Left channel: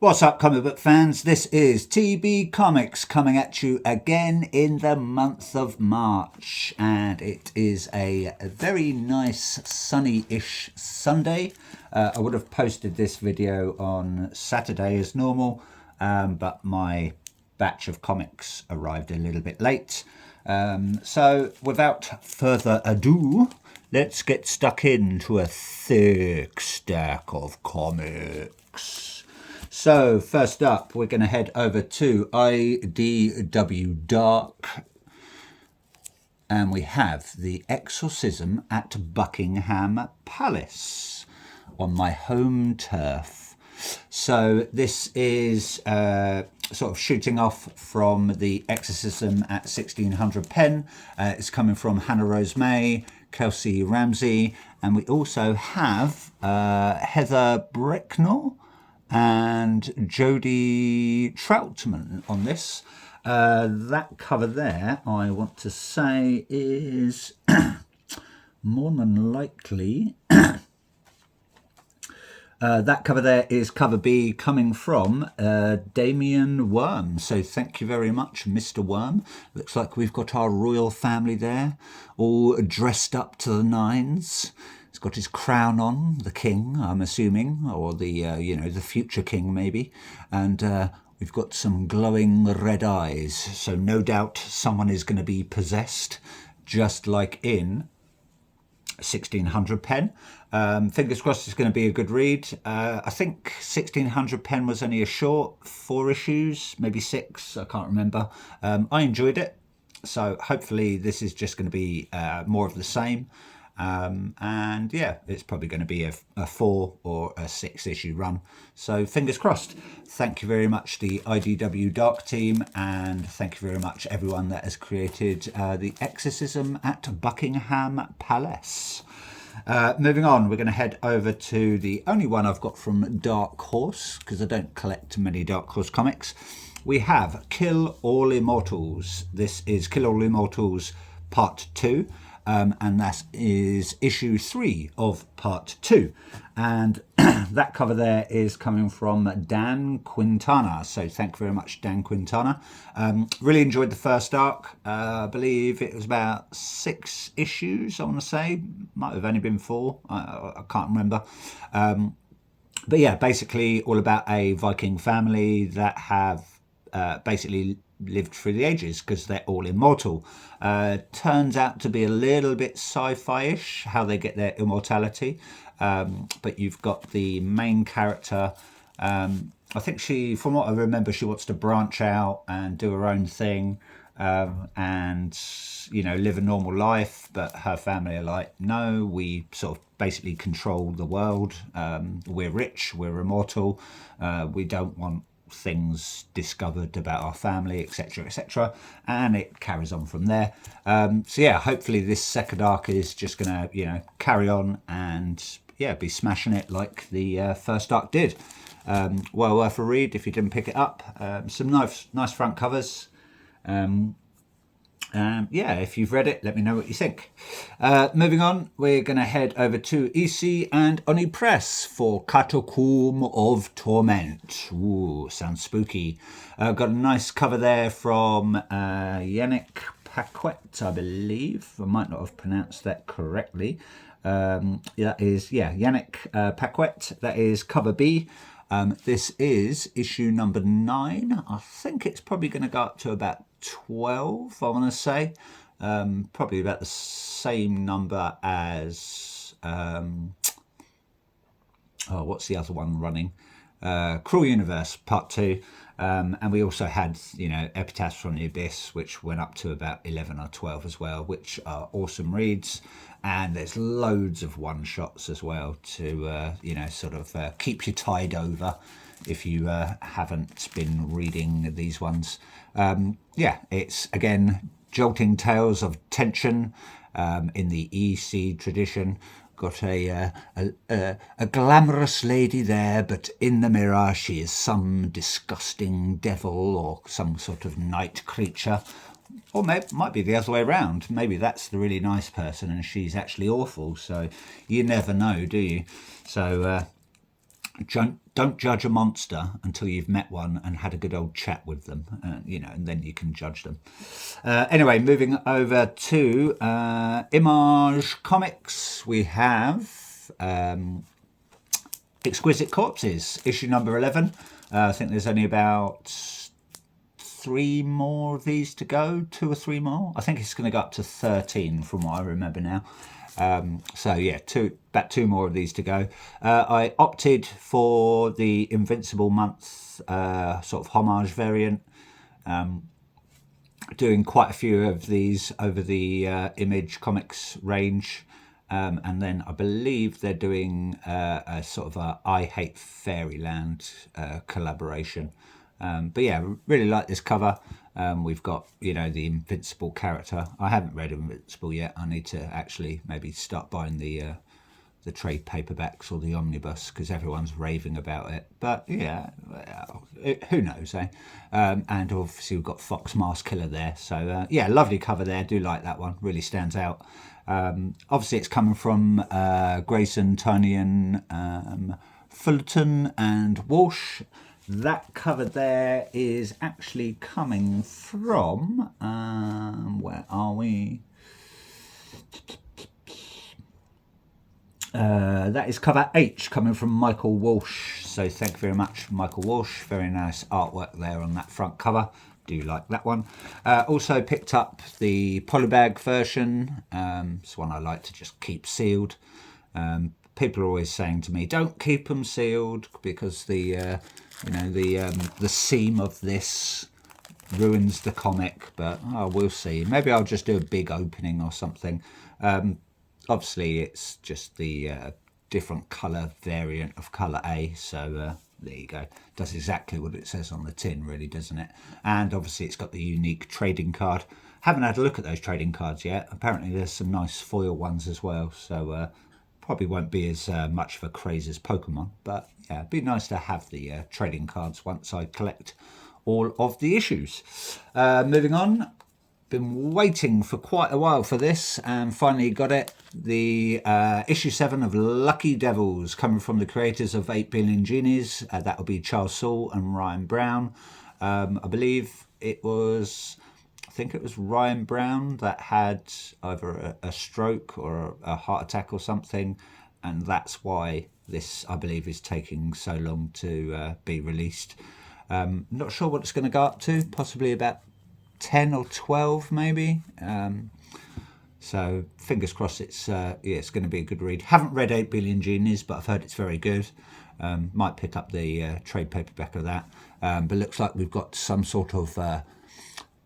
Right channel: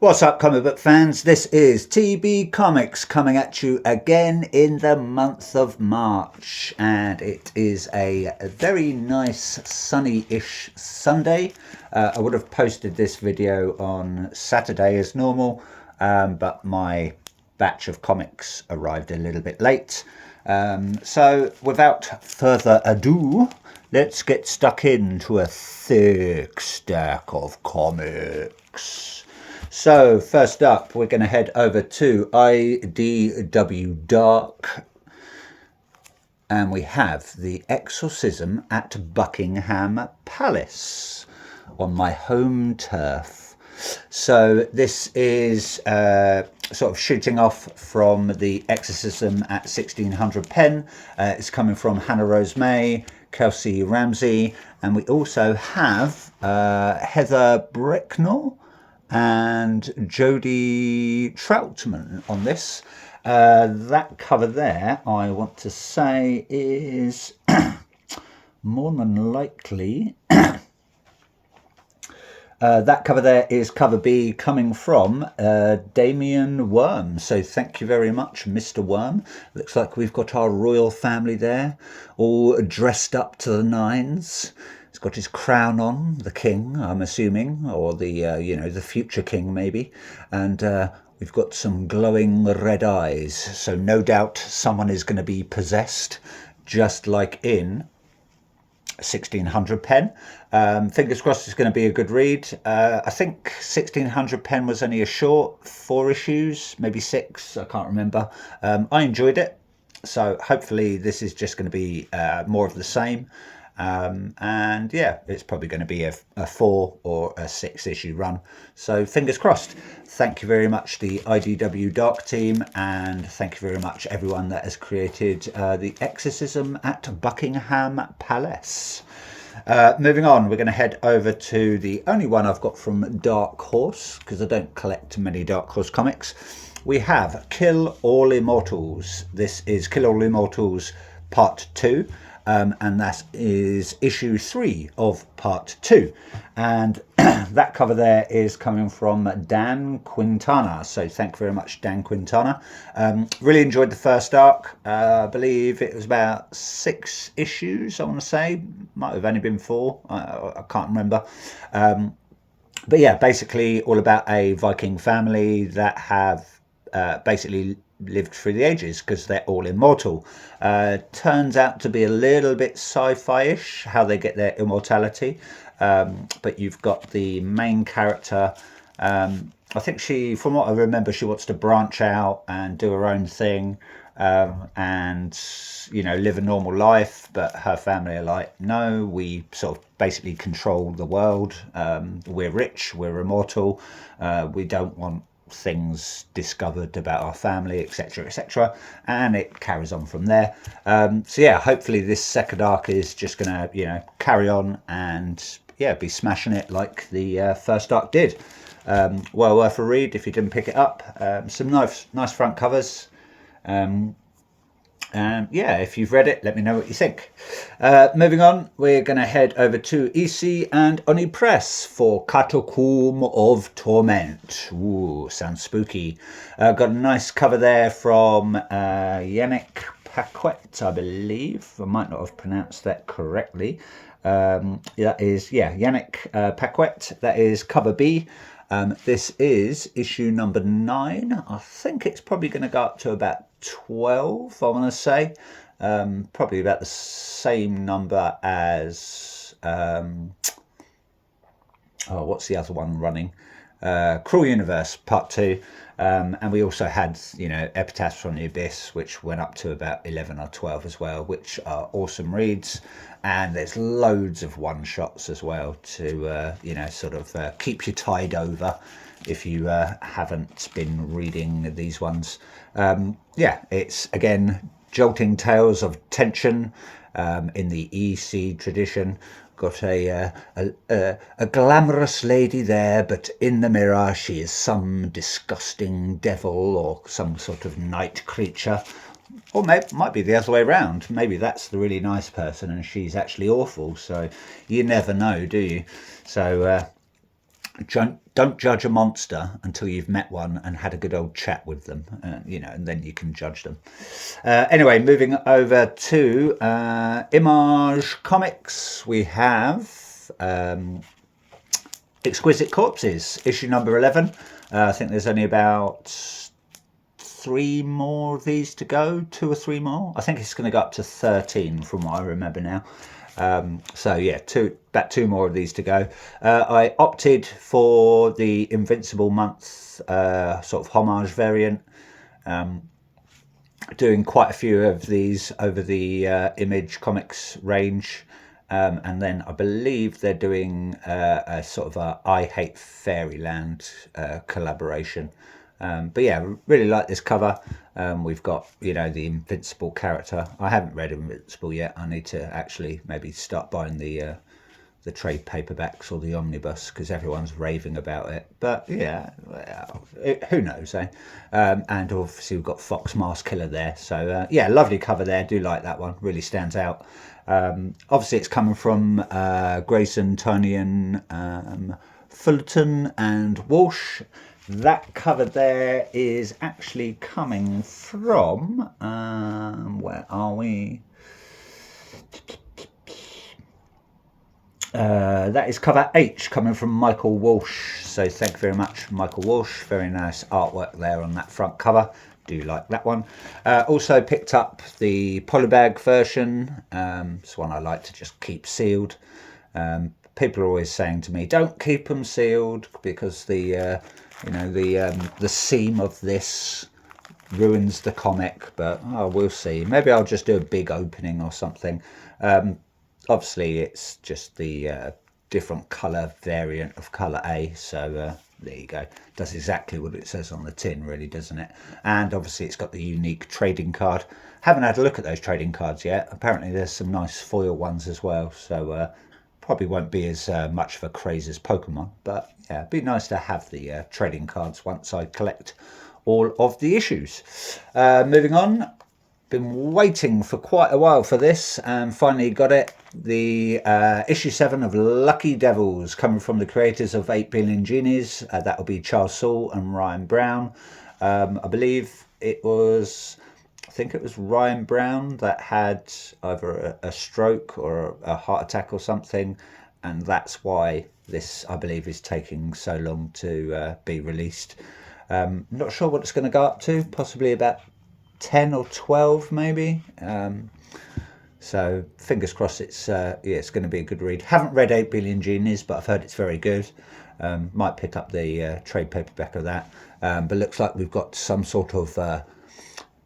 What's up, comic book fans? This is TB Comics coming at you again in the month of March, and it is a very nice sunny-ish Sunday. I would have posted this video on Saturday as normal, but my batch of comics arrived a little bit late. So without further ado, let's get stuck into a thick stack of comics. So first up, we're going to head over to IDW Dark, and we have The Exorcism at Buckingham Palace on my home turf. So this is sort of shooting off from The Exorcism at 1600 Pen. It's coming from Hannah Rose May, Kelsey Ramsey, and we also have Heather Bricknell and Jodie Troutman on this. That cover there, I want to say, is more than likely that cover there is cover B, coming from Damien Worm. So thank you very much, Mr. Worm. Looks like we've got our royal family there, all dressed up to the nines. He's got his crown on, the king, I'm assuming, or the the future king maybe, and we've got some glowing red eyes. So no doubt someone is going to be possessed, just like in 1600 Pen. Fingers crossed it's going to be a good read. I think 1600 Pen was only a short, 4 issues, maybe 6, I can't remember. I enjoyed it, so hopefully this is just going to be more of the same. And yeah, it's probably going to be a 4 or a 6 issue run. So fingers crossed. Thank you very much, the IDW Dark team, and thank you very much everyone that has created The Exorcism at Buckingham Palace. Moving on, we're going to head over to the only one I've got from Dark Horse, because I don't collect many Dark Horse comics. We have Kill All Immortals. This is Kill All Immortals Part 2. And that is issue 3 of part 2, and that cover there is coming from Dan Quintana. So thank you very much, Dan Quintana. Really enjoyed the first arc. I believe it was about 6 issues, I want to say. Might have only been 4, I can't remember. But yeah, basically all about a Viking family that have basically lived through the ages because they're all immortal. Turns out to be a little bit sci-fi-ish how they get their immortality, but you've got the main character. I think she, from what I remember, she wants to branch out and do her own thing, and live a normal life, but her family are like, no, we sort of basically control the world. We're rich, we're immortal, we don't want things discovered about our family, etc., etc., and it carries on from there. So yeah, hopefully this second arc is just gonna carry on and be smashing it like the first arc did. Well worth a read if you didn't pick it up. Some nice front covers. If you've read it, let me know what you think. Moving on, we're going to head over to EC and Oni Press for Catacomb of Torment. Ooh, sounds spooky. Got a nice cover there from Yannick Paquette, I believe. I might not have pronounced that correctly. That is, Yannick Paquette. That is cover B. This is issue number 9. I think it's probably going to go up to about 12, I want to say. Probably about the same number as what's the other one running? Cruel Universe Part 2. And we also had Epitaphs from the Abyss, which went up to about 11 or 12 as well, which are awesome reads. And there's loads of one shots as well to keep you tied over if you haven't been reading these ones. It's again jolting tales of tension in the EC tradition. Got a glamorous lady there, but in the mirror she is some disgusting devil or some sort of night creature. Or might be the other way around. Maybe that's the really nice person and she's actually awful. So you never know, do you? So don't judge a monster until you've met one and had a good old chat with them, and then you can judge them. Anyway, moving over to Image Comics, we have Exquisite Corpses, issue number 11. I think there's only about 3 more of these to go, 2 or 3 more. I think it's going to go up to 13 from what I remember now. So yeah, about 2 more of these to go. I opted for the Invincible month sort of homage variant, doing quite a few of these over the Image Comics range. And then I believe they're doing a sort of a I Hate Fairyland collaboration. But yeah, really like this cover. We've got, the Invincible character. I haven't read Invincible yet. I need to actually maybe start buying the trade paperbacks or the omnibus because everyone's raving about it. But yeah, who knows, eh? And obviously we've got Fox Mask Killer there. So yeah, lovely cover there. Do like that one. Really stands out. Obviously it's coming from Grayson, Tynion, Fullerton and Walsh. That cover there is actually coming from, where are we? That is cover H, coming from Michael Walsh. So thank you very much, Michael Walsh. Very nice artwork there on that front cover. Do like that one. Also picked up the polybag version. It's one I like to just keep sealed. People are always saying to me, don't keep them sealed because the seam of this ruins the comic, but we'll see. Maybe I'll just do a big opening or something. Obviously it's just the different colour variant of colour A, so there you go. Does exactly what it says on the tin, really, doesn't it? And obviously it's got the unique trading card. Haven't had a look at those trading cards yet. Apparently there's some nice foil ones as well, so probably won't be as much of a craze as Pokemon, but yeah, it'd be nice to have the trading cards once I collect all of the issues. Moving on, been waiting for quite a while for this and finally got it. The issue 7 of Lucky Devils, coming from the creators of 8 Billion Genies. That will be Charles Soule and Ryan Brown. I believe it was, I think it was Ryan Brown that had either a stroke or a heart attack or something, and that's why this, I believe, is taking so long to be released. Not sure what it's going to go up to, possibly about 10 or 12 maybe. So fingers crossed it's going to be a good read. Haven't read 8 Billion Genies, but I've heard it's very good. Might pick up the trade paperback of that. But looks like we've got some sort of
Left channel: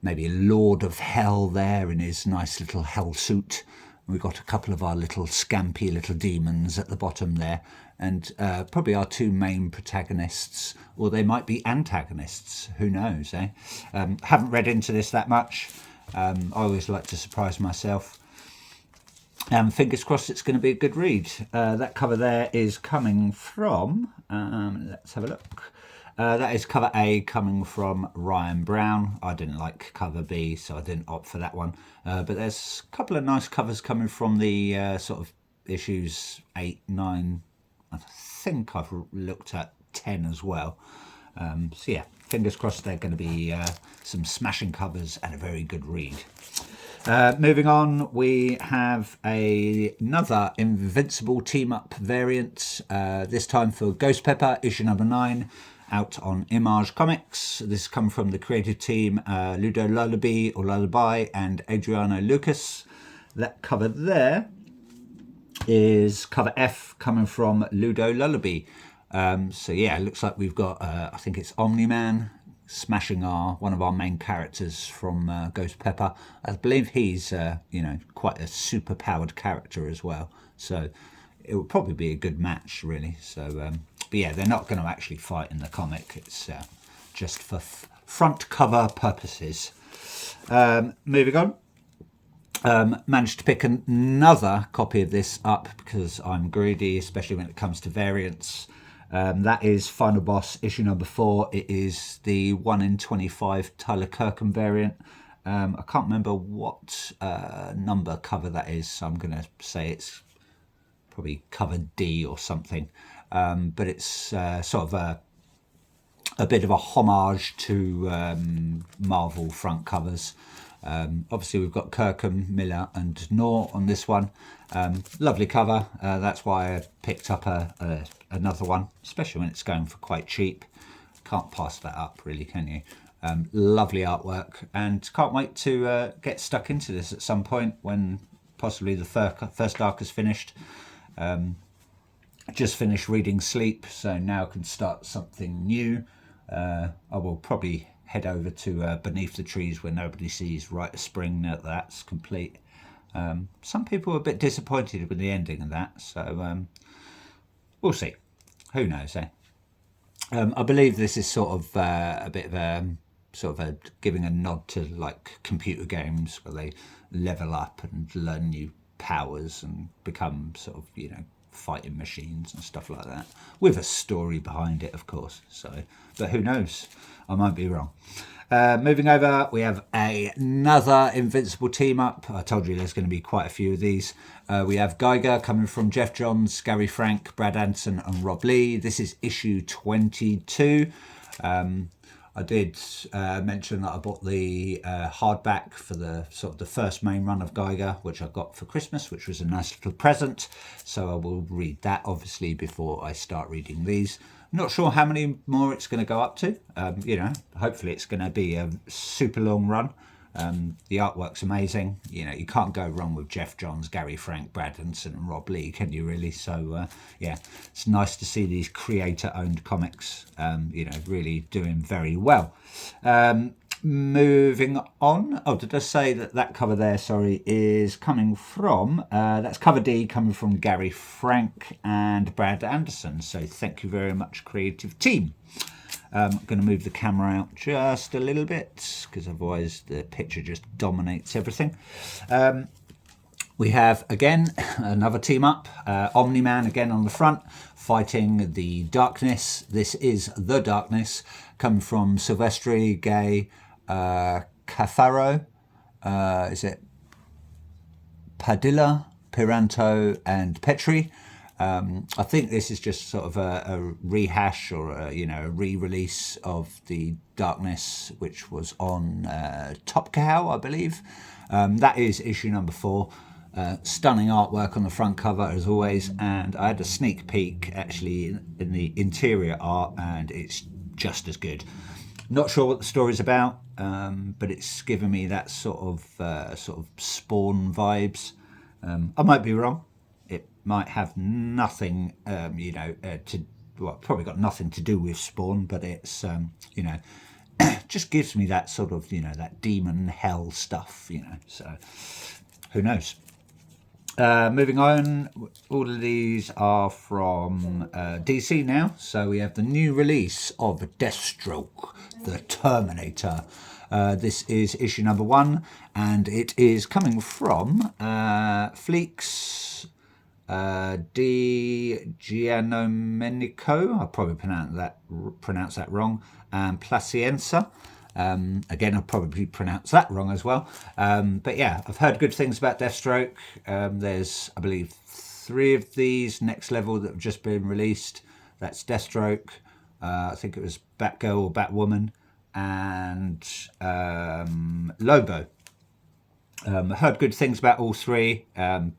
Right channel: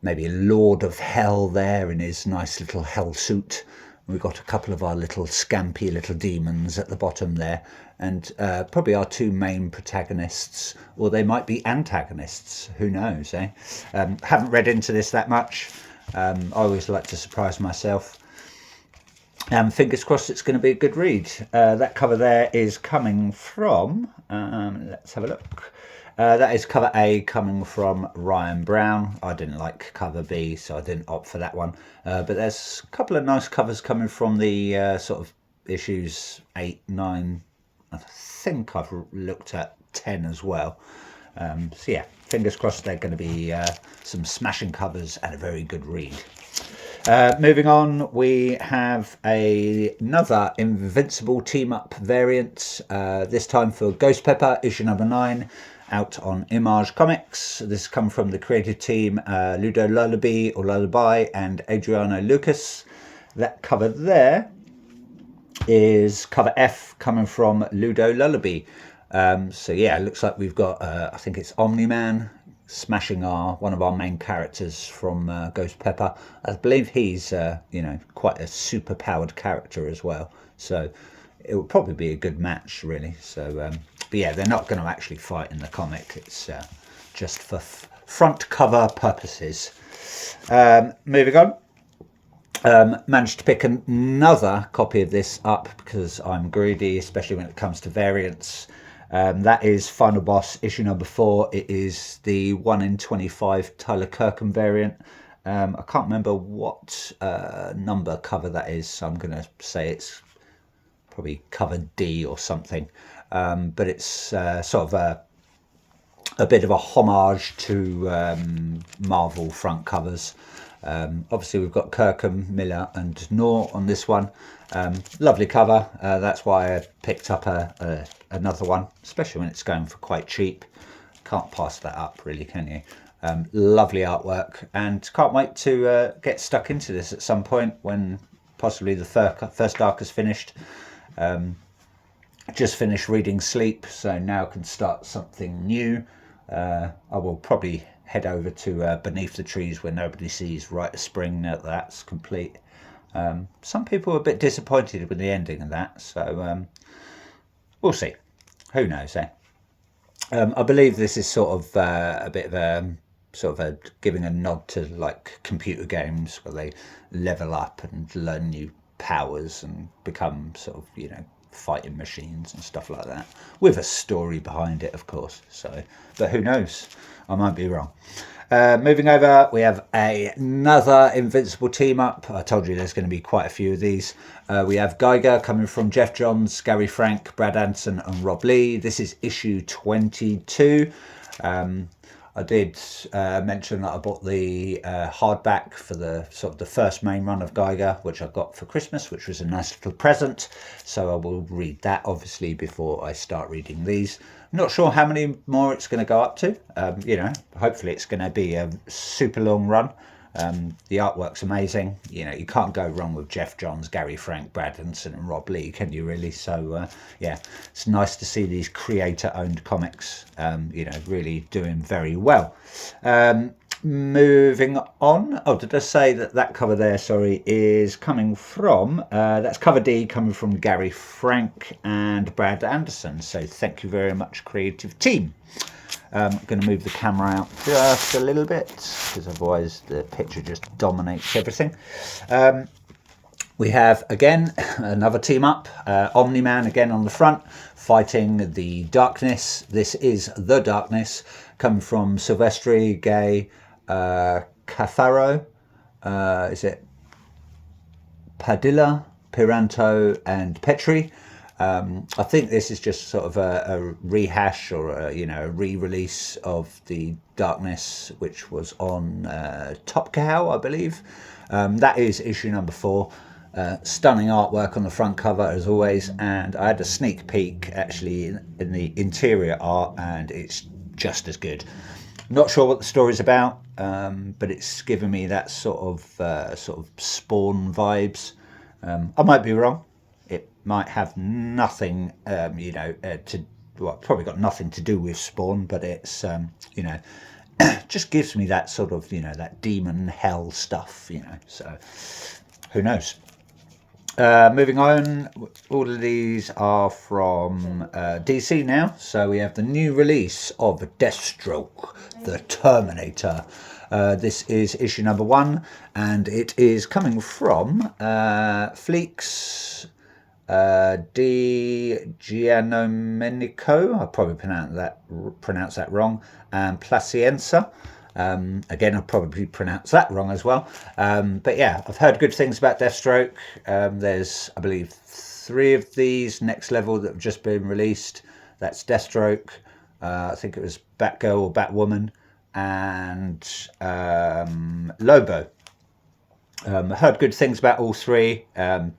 maybe a Lord of Hell there in his nice little hell suit. We've got a couple of our little scampy little demons at the bottom there, and probably our 2 main protagonists, or they might be antagonists, who knows, eh? Haven't read into this that much. I always like to surprise myself. Fingers crossed it's going to be a good read. That cover there is coming from, let's have a look. That is cover A, coming from Ryan Brown. I didn't like cover B, so I didn't opt for that one. But there's a couple of nice covers coming from the sort of issues 8, 9. I think I've looked at 10 as well. So yeah, fingers crossed they're going to be some smashing covers and a very good read. Moving on, we have another Invincible team-up variant, this time for Ghost Pepper, issue number 9, out on Image Comics. This comes from the creative team, Ludo Lullaby or Lullaby and Adriano Lucas. That cover there is cover F, coming from Ludo Lullaby. So yeah, it looks like we've got, I think it's Omni-Man, smashing one of our main characters from Ghost Pepper. I believe he's quite a super powered character as well, so it will probably be a good match, really. So but yeah, they're not going to actually fight in the comic. It's just for front cover purposes. Moving on, managed to pick another copy of this up because I'm greedy, especially when it comes to variants. That is Final Boss, issue number 4. It is the 1 in 25 Tyler Kirkham variant. I can't remember what number cover that is, so I'm going to say it's probably cover D or something. but it's sort of a bit of a homage to Marvel front covers. Obviously, we've got Kirkham, Miller, and Knorr on this one. Lovely cover. That's why I picked up another one, especially when it's going for quite cheap. Can't pass that up, really, can you? Lovely artwork, and can't wait to get stuck into this at some point when possibly the first arc is finished. Just finished reading Sleep, so now I can start something new. I will probably head over to Beneath the Trees Where Nobody Sees, Rite of Spring, now that's complete. Some people were a bit disappointed with the ending of that, so we'll see. Who knows, eh? I believe this is sort of a bit of a giving a nod to like computer games where they level up and learn new powers and become sort of, you know, fighting machines and stuff like that, with a story behind it, of course. So, but who knows? I might be wrong. Moving over, we have another Invincible team up. I told you there's going to be quite a few of these. We have Geiger coming from Geoff Johns, Gary Frank, Brad Anderson, and Rob Lee. This is issue 22. I did mention that I bought the hardback for the sort of the first main run of Geiger, which I got for Christmas, which was a nice little present. So I will read that obviously before I start reading these. I'm not sure how many more it's going to go up to. You know, hopefully it's going to be a super long run. The artwork's amazing. You know, you can't go wrong with Geoff Johns, Gary Frank, Brad Anderson, and Rob Lee, can you really? So yeah, it's nice to see these creator-owned comics, you know, really doing very well. Moving on. Oh, did I say that cover there, sorry, is coming from, that's cover D, coming from Gary Frank and Brad Anderson. So thank you very much, creative team. I'm going to move the camera out just a little bit because otherwise the picture just dominates everything. We have again another team up, Omni-Man again on the front, fighting the Darkness. This is the Darkness, coming from Silvestri, Gay, Catharo, is it Padilla, Piranto, and Petri. I think this is just sort of a rehash or a re-release of the Darkness, which was on Top Cow, I believe. That is issue number 4. Stunning artwork on the front cover as always, and I had a sneak peek actually in the interior art, and it's just as good. Not sure what the story's about, but it's given me that sort of Spawn vibes. I might be wrong. It might have nothing, probably got nothing to do with Spawn, but it's, just gives me that sort of, that demon hell stuff, so who knows. Moving on, all of these are from DC now. So we have the new release of Deathstroke, the Terminator. This is issue number 1, and it is coming from Fleeks Di Gianomenico. I'll probably pronounce that wrong. And Placienza. Again, I'll probably pronounce that wrong as well. But yeah, I've heard good things about Deathstroke. There's, I believe, 3 of these next level that have just been released. That's Deathstroke. I think it was Batgirl or Batwoman, and Lobo. I heard good things about all 3.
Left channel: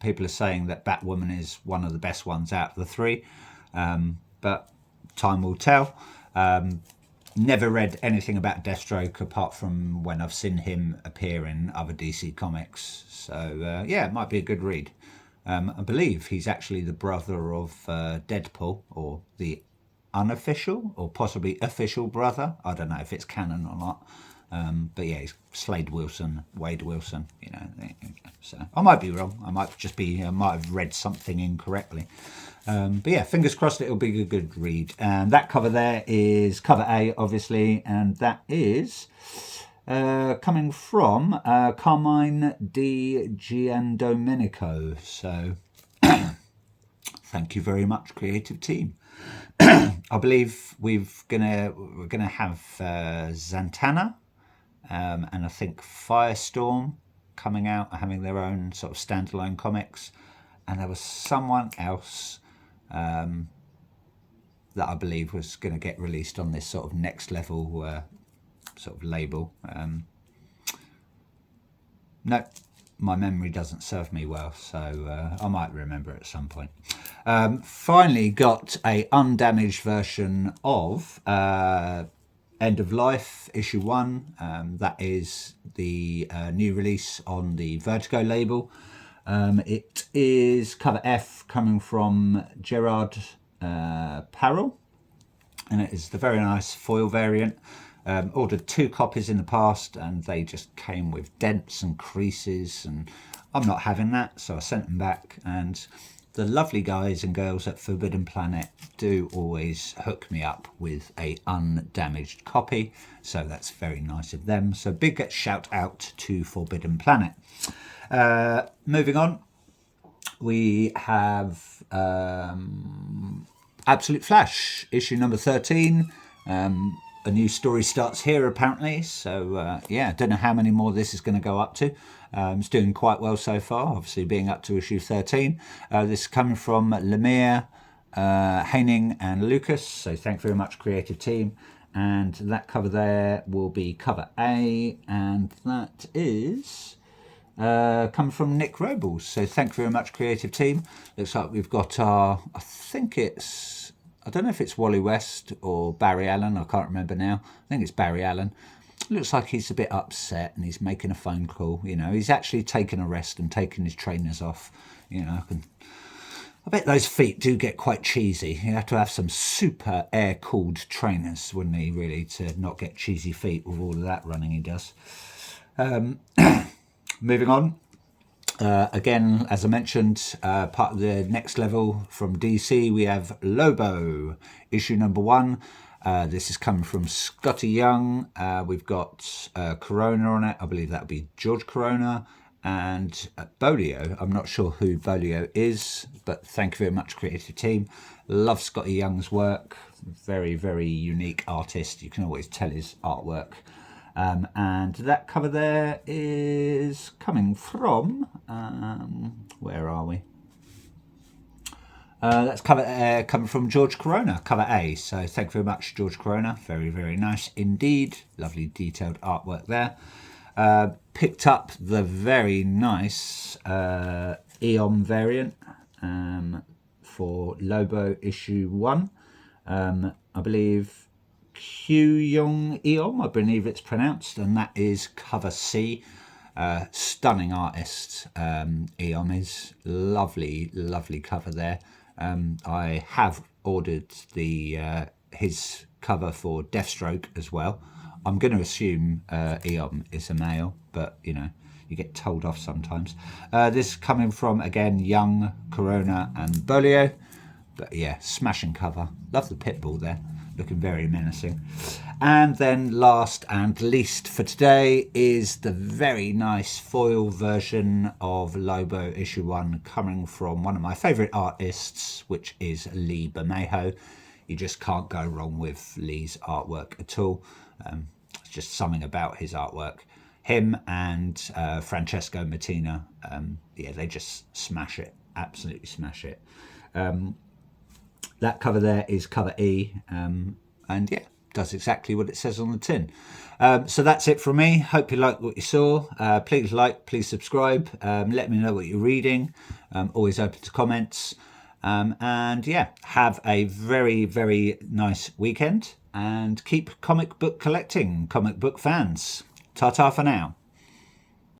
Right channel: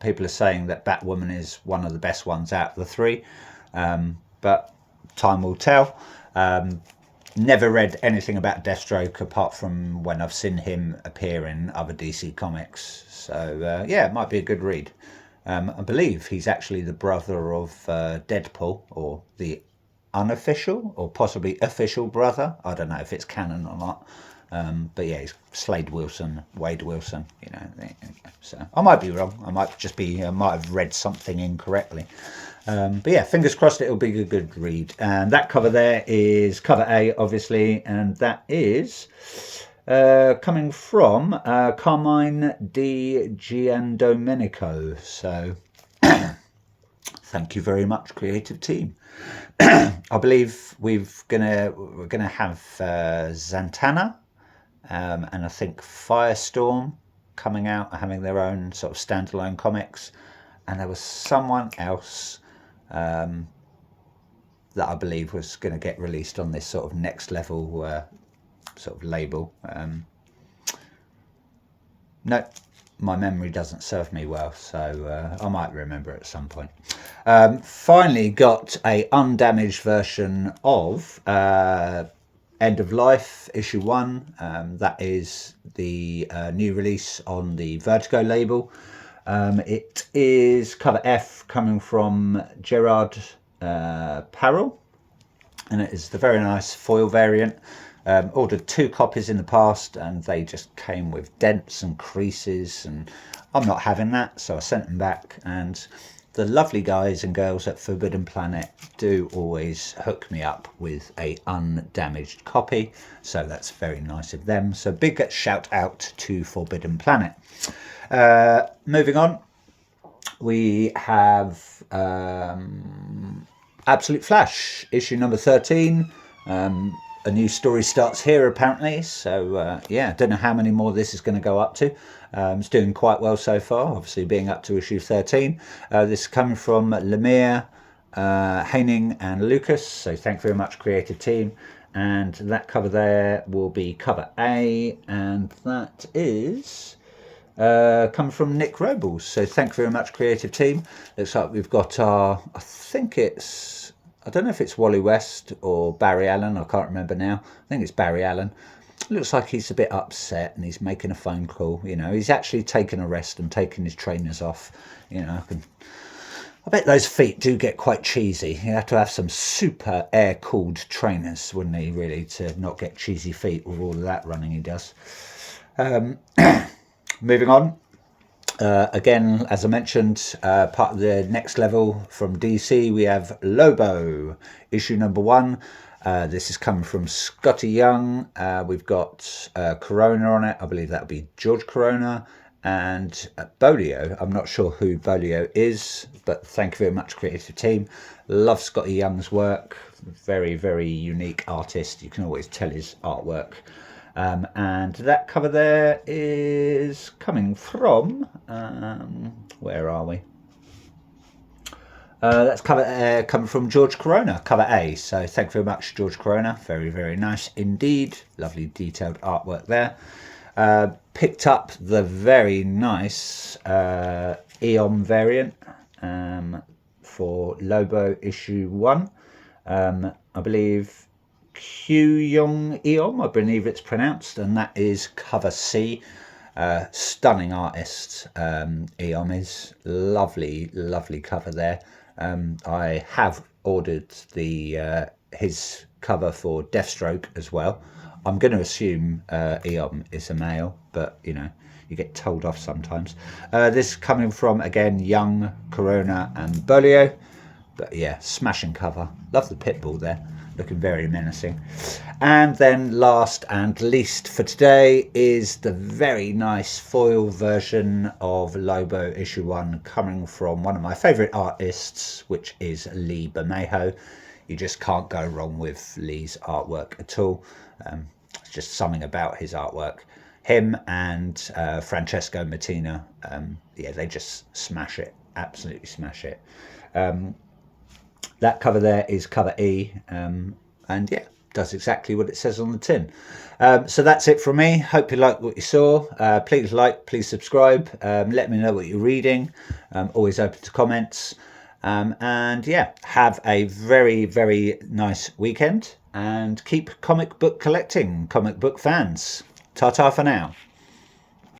People are saying that Batwoman is one of the best ones out of the 3, but time will tell. Never read anything about Deathstroke apart from when I've seen him appear in other DC comics. So yeah, it might be a good read. I believe he's actually the brother of Deadpool, or the unofficial or possibly official brother. I don't know if it's canon or not. But yeah, he's Wade Wilson, so I might be wrong. I might have read something incorrectly. But yeah, fingers crossed it'll be a good read. And that cover there is cover A, obviously, and that is coming from Carmine Di Giandomenico. So thank you very much, creative team. I believe we're gonna have Zatanna, and I think Firestorm coming out, having their own sort of standalone comics, and there was someone else. that I believe was going to get released on this sort of next level sort of label. No, my memory doesn't serve me well, so I might remember at some point. Finally got a undamaged version of End of Life issue 1. That is the new release on the Vertigo label. It is cover F, coming from Gerard Parrell, and it is the very nice foil variant. Ordered 2 copies in the past and they just came with dents and creases, and I'm not having that, so I sent them back. And the lovely guys and girls at Forbidden Planet do always hook me up with a undamaged copy, so that's very nice of them. So big shout out to Forbidden Planet. Moving on, we have Absolute Flash, issue number 13. A new story starts here apparently, so yeah, don't know how many more this is going to go up to. It's doing quite well so far, obviously being up to issue 13. This is coming from Lemire, Haining and Lucas, so thank you very much, creative team. And that cover there will be cover A, and that is coming from Nick Robles, so thank you very much, creative team. Looks like we've got our, I don't know if it's Wally West or Barry Allen, I can't remember now. I think it's Barry Allen. Looks like he's a bit upset and he's making a phone call. You know, he's actually taken a rest and taken his trainers off. You know, I bet those feet do get quite cheesy. You have to have some super air-cooled trainers, wouldn't he, really, to not get cheesy feet with all of that running he does. Moving on. Again, as I mentioned, part of the next level from DC, we have Lobo, issue number 1. This is coming from Scotty Young. We've got Corona on it. I believe that would be George Corona, and Bolio. I'm not sure who Bolio is, but thank you very much, creative team. Love Scotty Young's work. Very, very unique artist. You can always tell his artwork. And that cover there is coming from, where are we? That's coming from George Corona, cover A. So thank you very much, George Corona. Very, very nice indeed. Lovely detailed artwork there. Picked up the very nice Eon variant for Lobo issue 1. I believe Kyung Eom, I believe it's pronounced, and that is cover C. Stunning artist, Eom is. Lovely, lovely cover there. I have ordered the his cover for Deathstroke as well. I'm going to assume Eom is a male, but you know, you get told off sometimes. This is coming from, again, Young, Corona and Bolio. But yeah, smashing cover. Love the Pitbull there. Looking very menacing. And then last and least for today is the very nice foil version of Lobo issue 1, coming from one of my favourite artists, which is Lee Bermejo. You just can't go wrong with Lee's artwork at all. It's just something about his artwork. Him and Francesco Mattina, yeah, they just smash it. Absolutely smash it. That cover there is cover E, and yeah, does exactly what it says on the tin. So that's it from me. Hope you liked what you saw. Please like, please subscribe. Let me know what you're reading. Always open to comments. And yeah, have a very, very nice weekend and keep comic book collecting, comic book fans. Ta-ta for now.